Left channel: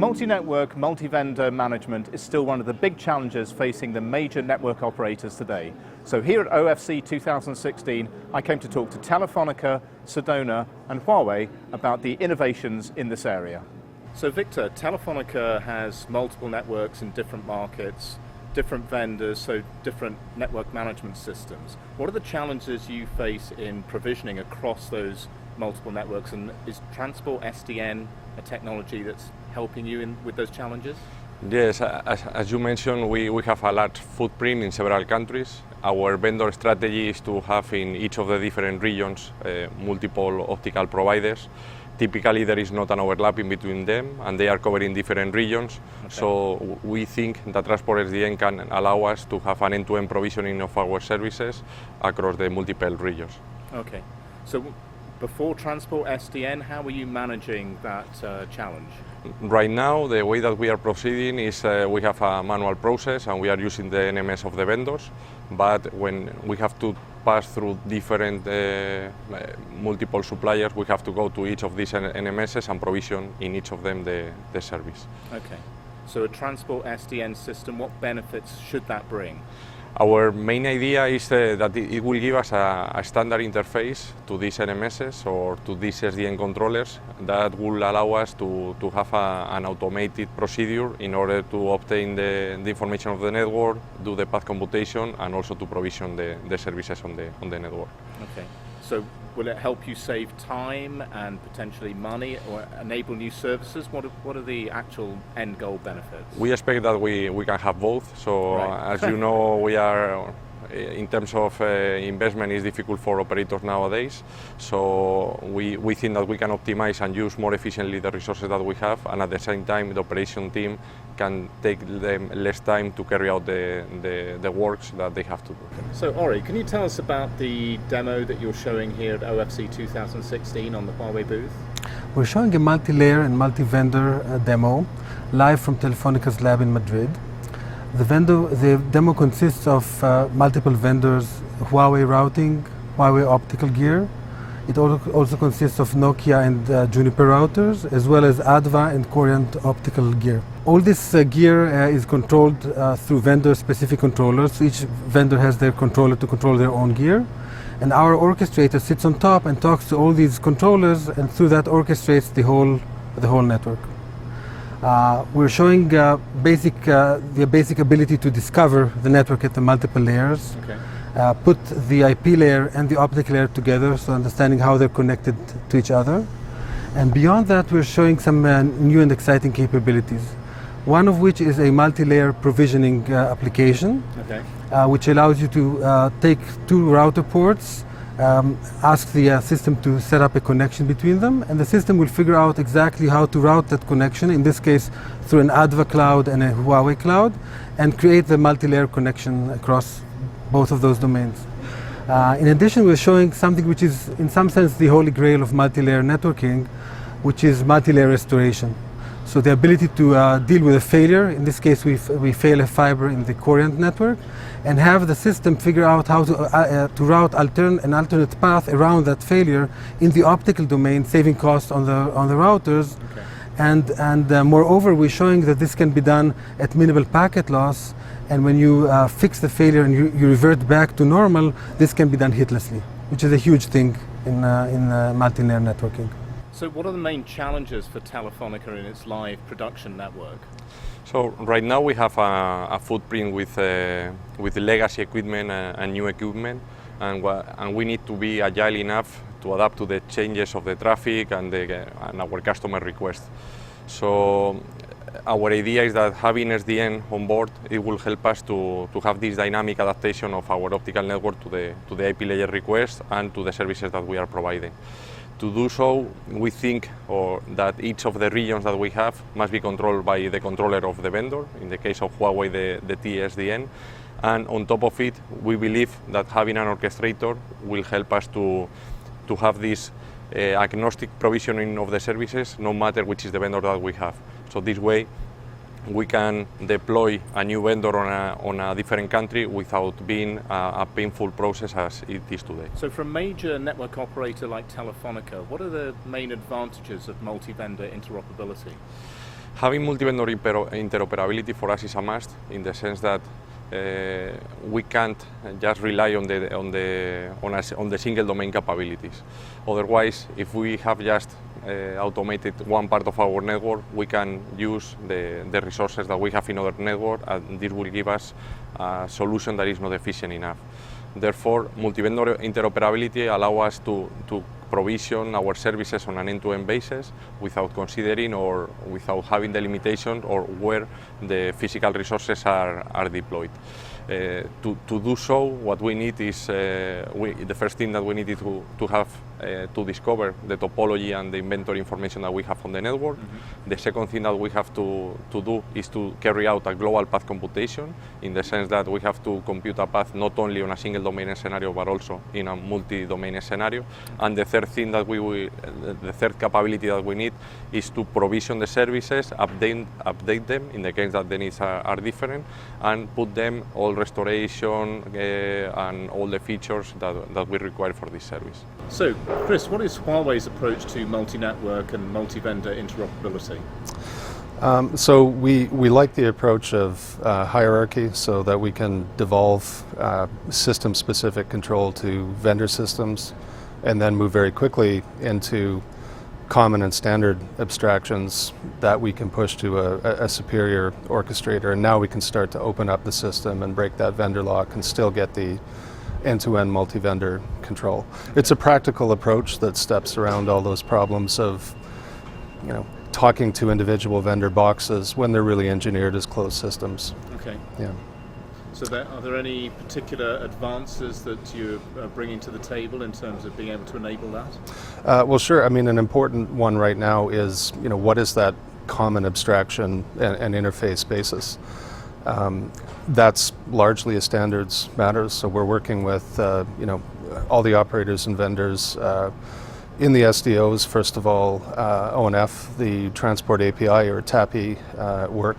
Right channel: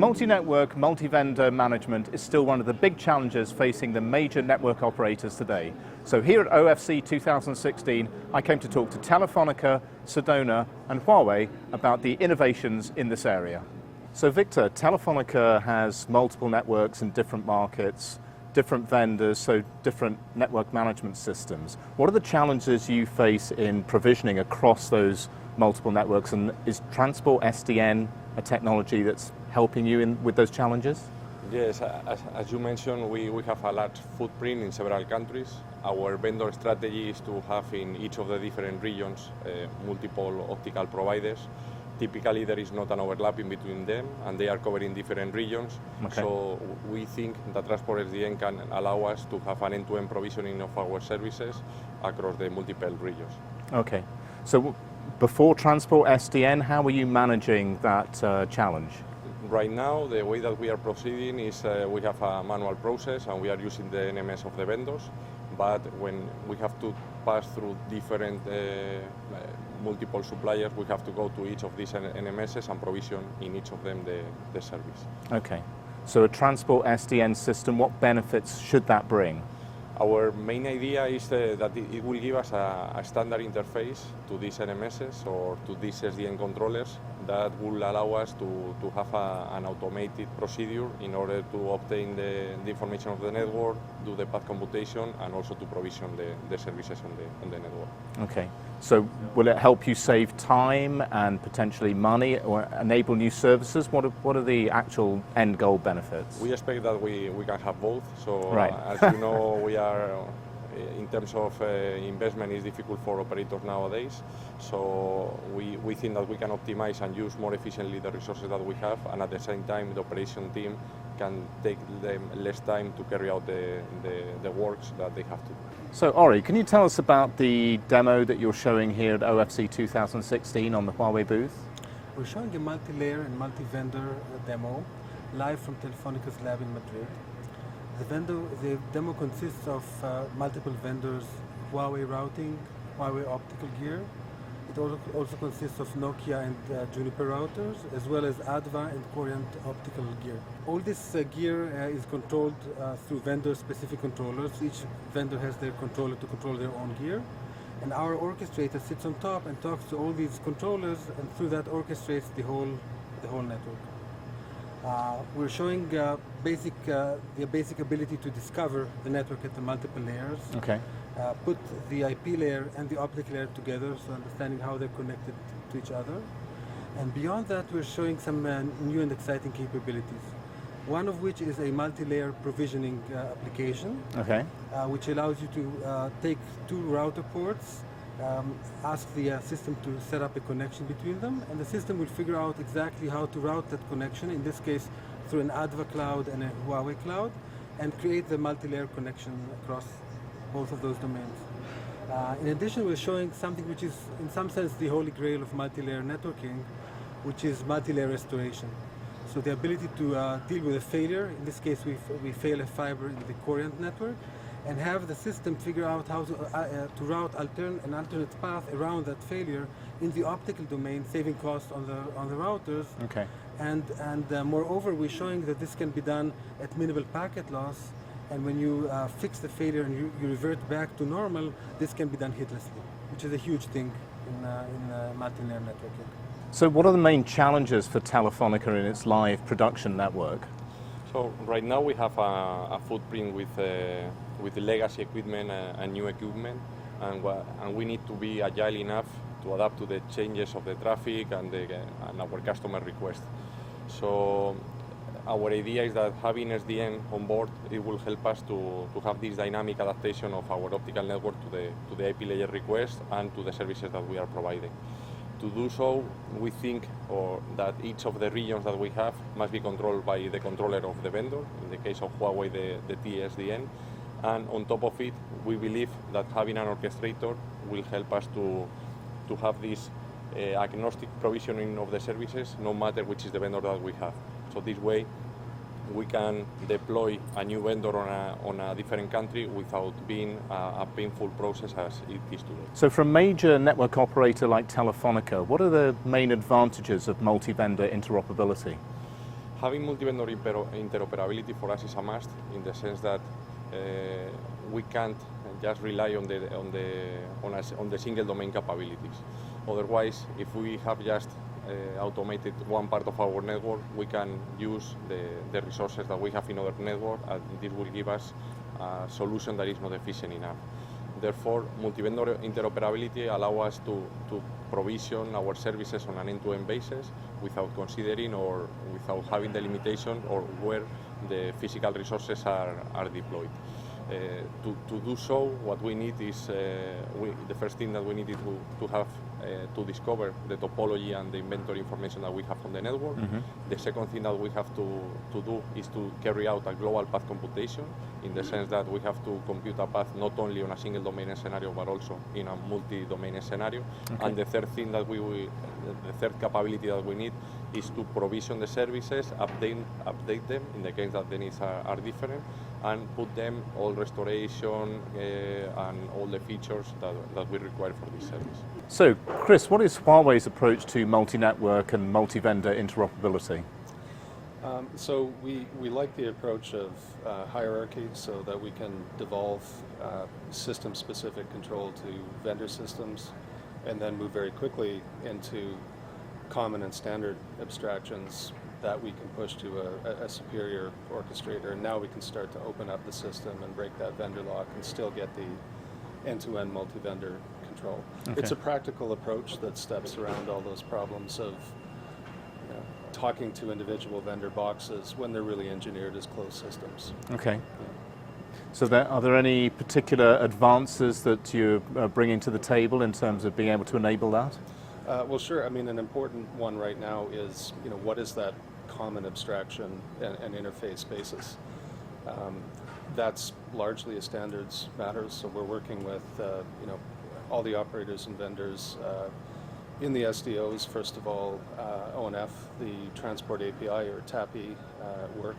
Multi-network, multi-vendor management is still one of the big challenges facing the major network operators today. So here at OFC 2016, I came to talk to Telefonica, Sedona and Huawei about the innovations in this area. So Victor, Telefonica has multiple networks in different markets, different vendors, so different network management systems. What are the challenges you face in provisioning across those multiple networks, and is Transport SDN a technology that's helping you with those challenges? Yes, as you mentioned, we have a large footprint in several countries. Our vendor strategy is to have in each of the different regions multiple optical providers. Typically there is not an overlap in between them and they are covering different regions. Okay. So we think that Transport SDN can allow us to have an end-to-end provisioning of our services across the multiple regions. Okay, so before Transport SDN, how are you managing that challenge? Right now, the way that we are proceeding is we have a manual process and we are using the NMS of the vendors, but when we have to pass through different multiple suppliers, we have to go to each of these NMSs and provision in each of them the service. Okay, so a Transport SDN system, what benefits should that bring? Our main idea is that it will give us a standard interface to these NMSs or to these SDN controllers that will allow us to have an automated procedure in order to obtain the information of the network, do the path computation, and also to provision the services on the network. Okay. So will it help you save time and potentially money or enable new services? What are the actual end goal benefits? We expect that we can have both. So right. As you know, we are, in terms of investment, is difficult for operators nowadays. So we think that we can optimize and use more efficiently the resources that we have, and at the same time the operation team can take them less time to carry out the works that they have to do. So Ori, can you tell us about the demo that you're showing here at OFC 2016 on the Huawei booth? We're showing a multi-layer and multi-vendor demo live from Telefonica's lab in Madrid. The demo consists of multiple vendors, Huawei routing, Huawei optical gear. It also consists of Nokia and Juniper routers, as well as Adva and Coriant optical gear. All this gear is controlled through vendor-specific controllers. Each vendor has their controller to control their own gear. And our orchestrator sits on top and talks to all these controllers, and through that orchestrates the whole network. We're showing the basic ability to discover the network at the multiple layers. Okay. Put the IP layer and the optical layer together, so understanding how they're connected to each other. And beyond that, we're showing some new and exciting capabilities. One of which is a multi-layer provisioning application, okay. Which allows you to take two router ports, ask the system to set up a connection between them, and the system will figure out exactly how to route that connection, in this case through an Adva cloud and a Huawei cloud, and create the multi-layer connection across both of those domains. In addition, we're showing something which is in some sense the holy grail of multi-layer networking, which is multi-layer restoration. So the ability to deal with a failure, in this case we fail a fiber in the Coriant network, and have the system figure out how to route an alternate path around that failure in the optical domain, saving costs on the routers. Okay. And moreover, we're showing that this can be done at minimal packet loss, and when you fix the failure and you revert back to normal, this can be done hitlessly, which is a huge thing in multi-layer networking. So what are the main challenges for Telefonica in its live production network? So right now we have a footprint with legacy equipment and new equipment, and we need to be agile enough to adapt to the changes of the traffic and our customer requests. So our idea is that having SDN on board, it will help us to have this dynamic adaptation of our optical network to the IP layer request and to the services that we are providing. To do so, we think that each of the regions that we have must be controlled by the controller of the vendor, in the case of Huawei, the TSDN. And on top of it, we believe that having an orchestrator will help us to have this agnostic provisioning of the services, no matter which is the vendor that we have. So this way, we can deploy a new vendor on a different country without being a painful process as it is today. So for a major network operator like Telefonica, what are the main advantages of multi-vendor interoperability? Having multi-vendor interoperability for us is a must, in the sense that we can't just rely on the single domain capabilities. Otherwise, if we have just automated one part of our network, we can use the resources that we have in other network, and this will give us a solution that is not efficient enough. Therefore, multi-vendor interoperability allows us to provision our services on an end-to-end basis without considering or without having the limitation or where the physical resources are deployed. To do so, what we need is, the first thing that we need to have to discover the topology and the inventory information that we have on the network. The second thing that we have to do is to carry out a global path computation, in the sense that we have to compute a path not only on a single domain scenario but also in a multi-domain scenario. And the third thing that the third capability that we need is to provision the services, update them in the case that the needs are different, and put them all restoration and all the features that we require for this service. So, Chris, what is Huawei's approach to multi-network and multi-vendor interoperability? So we like the approach of hierarchy, so that we can devolve system-specific control to vendor systems, and then move very quickly into common and standard abstractions that we can push to a superior orchestrator, and now we can start to open up the system and break that vendor lock and still get the end-to-end multi-vendor control. Okay. It's a practical approach that steps around all those problems of, talking to individual vendor boxes when they're really engineered as closed systems. Okay. Yeah. So are there any particular advances that you're bringing to the table in terms of being able to enable that? Well, sure. I mean, an important one right now is, what is that common abstraction and interface basis? That's largely a standards matter, so we're working with, all the operators and vendors in the SDOs, first of all, ONF, the Transport API or TAPI work.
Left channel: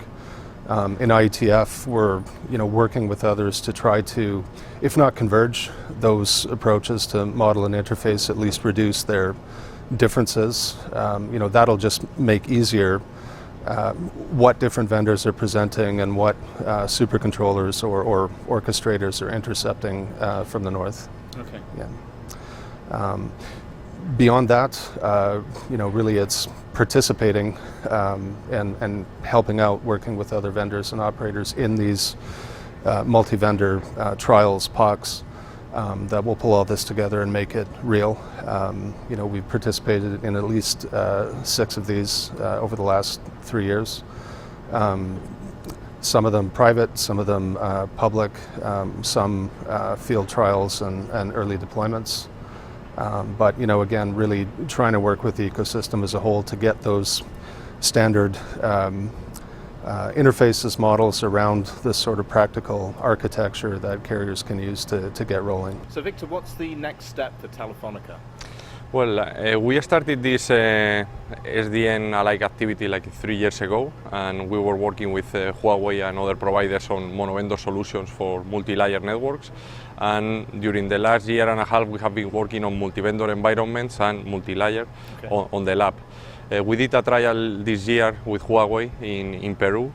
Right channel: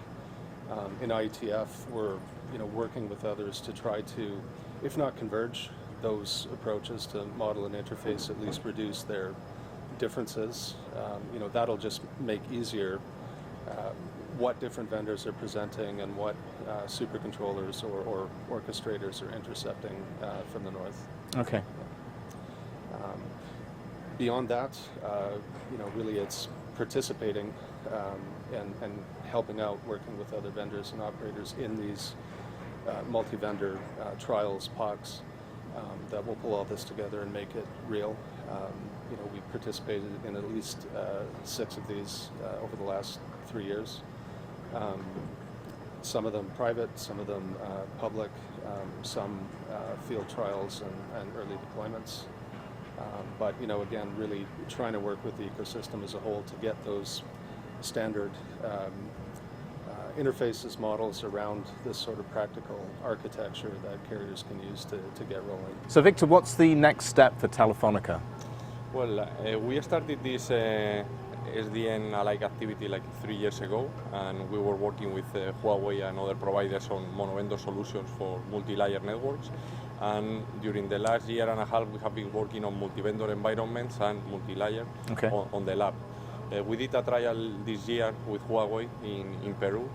In IETF, we're working with others to try to, if not converge those approaches to model and interface, at least reduce their differences. That'll just make easier what different vendors are presenting and what supercontrollers or orchestrators are intercepting from the north. Okay. Yeah. Beyond that, really it's participating and helping out, working with other vendors and operators in these multi-vendor trials, POCs, that will pull all this together and make it real. We've participated in at least 6 of these over the last 3 years. Some of them private, some of them public, some field trials and early deployments. But again, really trying to work with the ecosystem as a whole to get those standard interfaces, models around this sort of practical architecture that carriers can use to get rolling. So Victor, what's the next step for Telefonica? Well, we started this SDN-alike activity like 3 years ago, and we were working with Huawei and other providers on monovendor solutions for multi-layer networks. And during the last year and a half, we have been working on multi-vendor environments and multi-layer on the lab. We did a trial this year with Huawei in Peru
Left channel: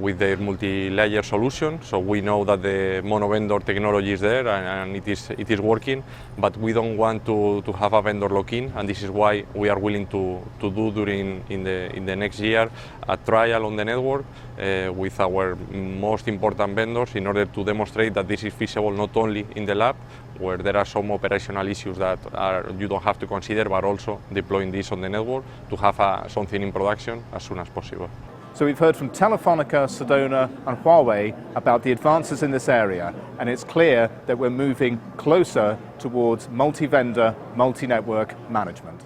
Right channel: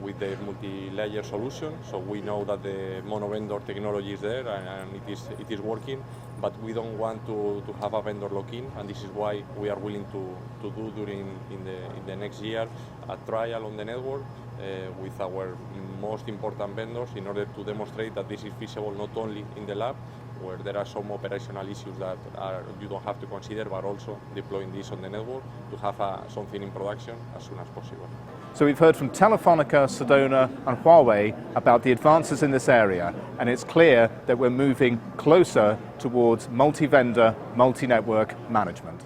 with their multi-layer solution. So we know that the mono-vendor technology is there and it is working, but we don't want to have a vendor lock-in, and this is why we are willing to do in the next year a trial on the network with our most important vendors in order to demonstrate that this is feasible not only in the lab, where there are some operational issues that you don't have to consider, but also deploying this on the network to have something in production as soon as possible. So we've heard from Telefonica, Sedona and Huawei about the advances in this area, and it's clear that we're moving closer towards multi-vendor, multi-network management.